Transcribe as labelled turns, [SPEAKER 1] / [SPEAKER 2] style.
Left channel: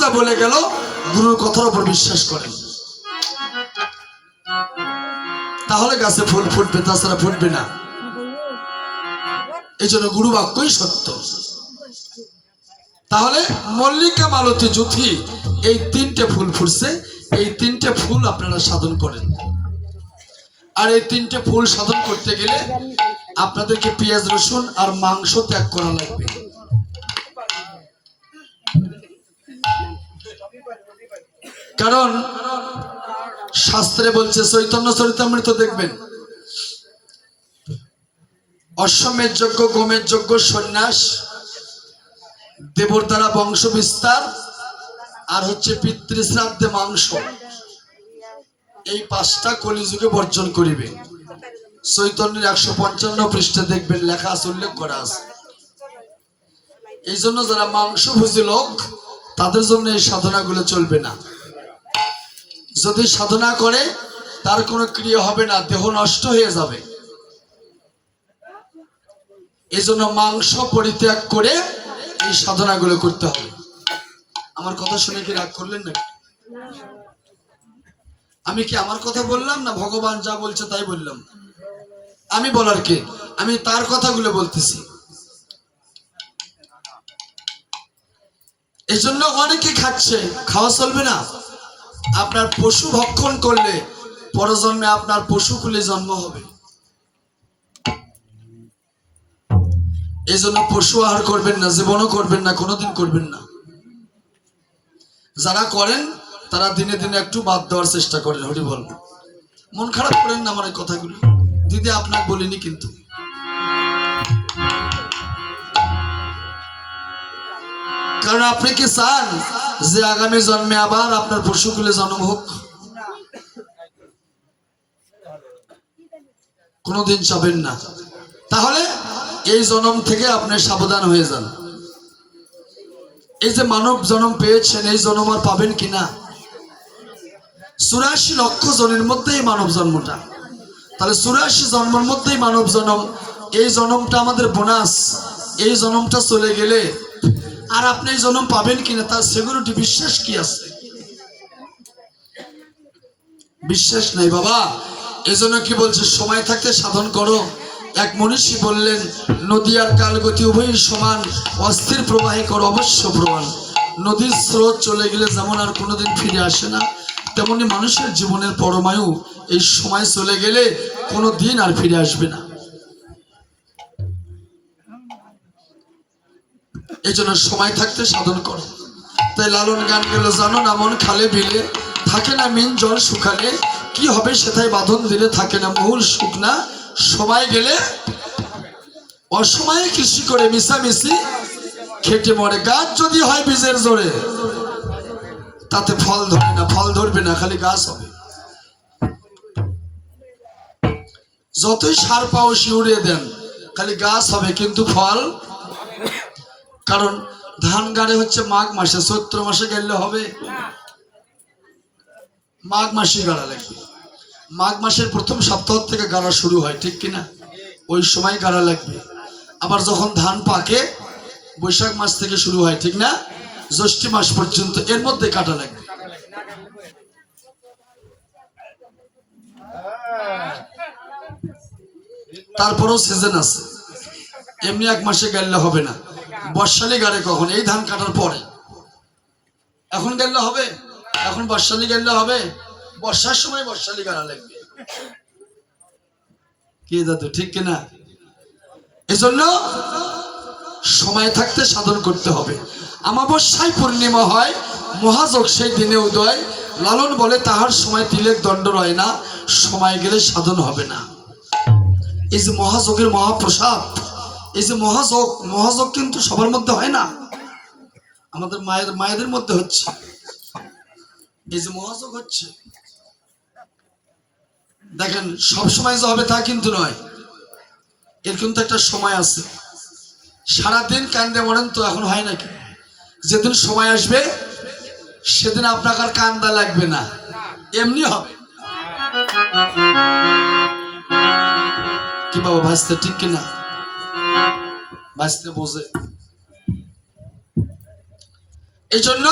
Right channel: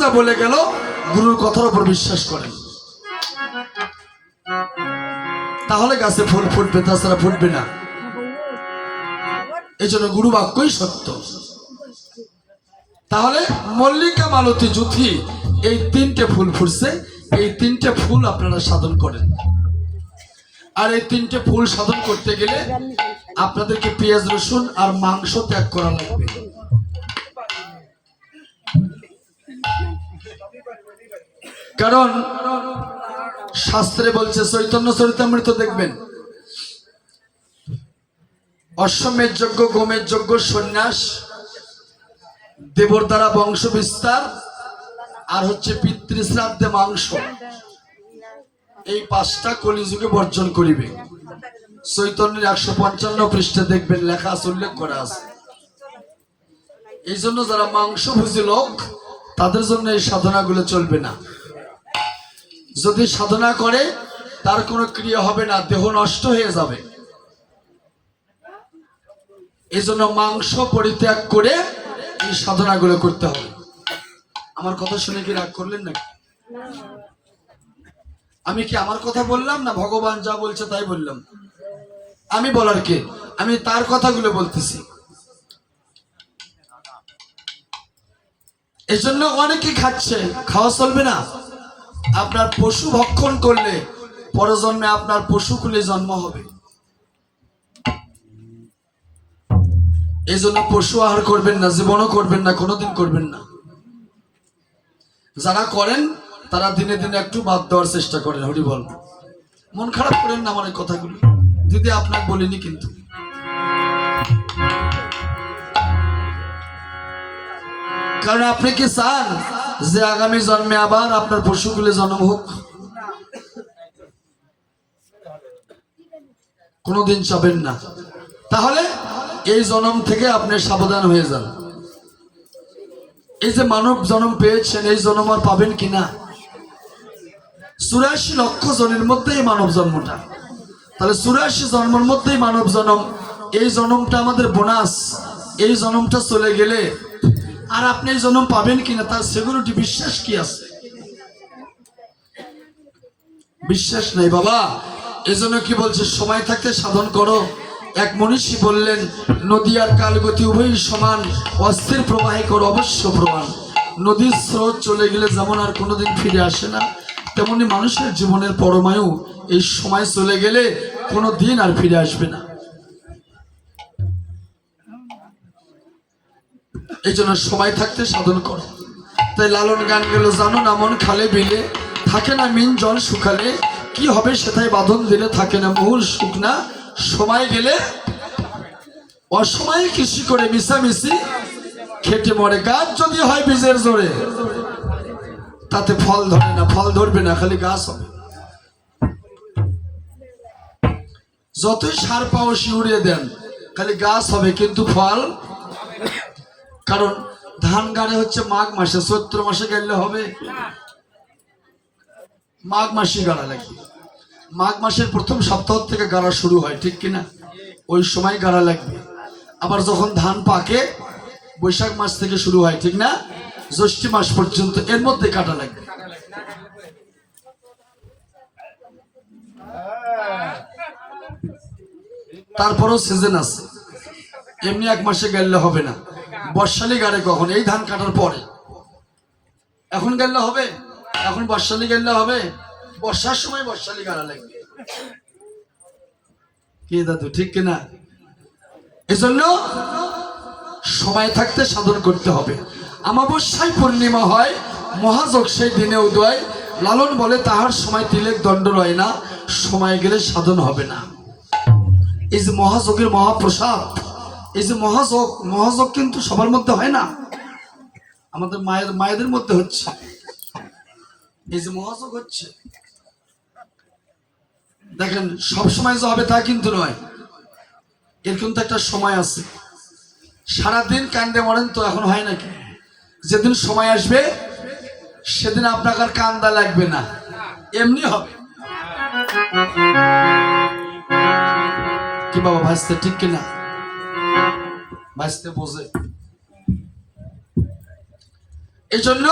[SPEAKER 1] যা বলে গেল, গুরুর কথার উপর বিশ্বাস করেন। তাহলে গাছে ফুল ফুটবে, তাছাড়া ফুটবে না। এই জন্য গুরু বাক্যই সত্য। তাহলে মল্লিকা মালতী জুথি এই তিনটে ফুল ফুটছে, এই তিনটে ফুল আপনারা সাধন করেন। আর এই তিনটে ফুল সাধন করতে গেলে আপনাদেরকে পেঁয়াজ, রসুন আর মাংস ত্যাগ করা লাগবে। কারণ শাস্ত্রে বলছে, চৈতন্য চরিতামৃত দেখবেন। অশ্বমের যজ্ঞ গোমের যজ্ঞ, সন্ন্যাস, দেবর দ্বারা বংশ বিস্তার, আর হচ্ছে পিতৃশ্রাদ্ধে মাংস। এই পাঁচটা কলিযুগে বর্জন করিবে। চৈতন্যের একশো পঞ্চান্ন পৃষ্ঠে দেখবেন লেখা আছে, উল্লেখ করা আছে। এই জন্য যারা মাংস ভুজি লোক তাদের জন্য এই সাধনাগুলো চলবে না। যদি সাধনা করে, তার কোনো ক্রিয়া হবে না, দেহ নষ্ট হয়ে যাবে। এই জন্য মাংস পরিত্যাগ করে এই সাধনাগুলো করতে হবে। আমার কথা শুনে কি রাগ করলেন নাকি? আমি কি আমার কথা বললাম না? ভগবান যা বলছে তাই বললাম। আমি বলার কে? আমি তার কথাগুলো বলতেছি। এই জন্য অনেকে খাচ্ছে, খাওয়া চলবে না। আপনার পশু ভক্ষণ করলে পরজন্মে আপনার পশু কুলে জন্ম হবে। এই জন্য পশু আহার করবেন না, জীবনও করবেন না, কোনোদিন করবেন না। যারা করেন, তারা দিনে দিনে একটু বাদ দেওয়ার চেষ্টা করেন হরি বল মন খারাপ করেন না আমার এই কথাগুলো। দিদি আপনাকে বলিনি কিন্তু। কারণ আপনি কি চান যে আগামী জন্মে আবার আপনার পশুকুলে জন্ম হোক? কোনোদিন চাবেন না। তাহলে এই জন্ম থেকে আপনি সাবধান হয়ে যান। এই যে মানব জন্ম পেয়েছেন, এই জন্ম আর পাবেন কিনা চুরাশি লক্ষ জনের মধ্যেই মানব জন্মটা। তাহলে চুরাশি জন্মের মধ্যেই মানব জন্ম, এই জন্মটা আমাদের বোনাস। এই জন্মটা চলে গেলে আর আপনি জন্ম পাবেন কিনা তার সিকিউরিটি বিশ্বাস কি আছে? বিশ্বাস নেই বাবা। এজন্য কি বলছে, সময় থাকতে সাধন করো। এক মনীষী বললেন নদী আর কালগতি উভয়ই সমান, অস্থির প্রবাহে করো অবশ্য প্রমাণ। নদীর স্রোত চলে গেলে যেমন আর কোনোদিন ফিরে আসে না, তেমনি মানুষের জীবনের পরমায়ু এই সময় চলে গেলে কোনো দিন আর ফিরে আসবে না। এই জন্য সময় থাকতে সাধন করো। তাই লালন গান গেল, জানো না মন খালে বিলে, থাকে না মিন জল শুকালে, কি হবে সেটাই বাঁধন দিলে থাকে না মূল শুকনা সময় গেলে অসময়ে কৃষি করে মিশামিশি, খেটে মরে গাছ যদি হয় বীজের জোরে, তাতে ফল ধরে না, ফল ধরবে না, খালি গাছ হবে। যতই সার পাও শিউড়িয়ে দেন, খালি গাছ হবে, কিন্তু ফল কারণ ধান গাড়ে হচ্ছে মাঘ মাসে চৈত্র মাসে গেলে হবে। মাঘ মাসে গাড়া লাগে। মাঘ মাসের প্রথম সপ্তাহ থেকে গাড়া শুরু হয়, ঠিক কিনা? ওই সময় গাড়া লাগবে। আবার যখন ধান পাকে, বৈশাখ মাস থেকে শুরু হয়, ঠিক না? জ্যৈষ্ঠী মাস পর্যন্ত এর মধ্যে কাটা লাগবে। তারপরও সিজন আছে। এমনি এক মাসে গেলে হবে না। বর্ষালি গাড়ে কখন? এই ধান কাটার পরে। এখন গেলে হবে? এখন বর্ষালি গেলে হবে? বর্ষার সময় বর্ষালি গাড়া লাগবে। কি দাদু, ঠিক কিনা? এজন্য সময় থাকতে সাধন করতে হবে। আমাবস্যায় পূর্ণিমা হয়, মহাযোগ সেই দিনে উদয়। লালন বলে তাহার সময় তিলেক দণ্ড রয় না, সময় গেলে সাধন হবে না। এই যে মহাযোগের মহাপ্রসাদ এই যে মহাযোগ মহাযোগ কিন্তু সবার মধ্যে হয় না। আমাদের মায়ের, মায়েদের মধ্যে হচ্ছে। এই যে মহাযোগ হচ্ছে। দেখেন, সব সময় যে হবে তা কিন্তু নয়। এর কিন্তু একটা সময় আছে। সারাদিন কান্দে মরেন তো এখন হয় নাকি? যেদিন সময় আসবে, সেদিন আপনাকে আর কান্দা লাগবে না। এমনি হবে। কি বাবা, ভাসতে ঠিক কিনা? ভাসতে বোঝে এজন্য জন্য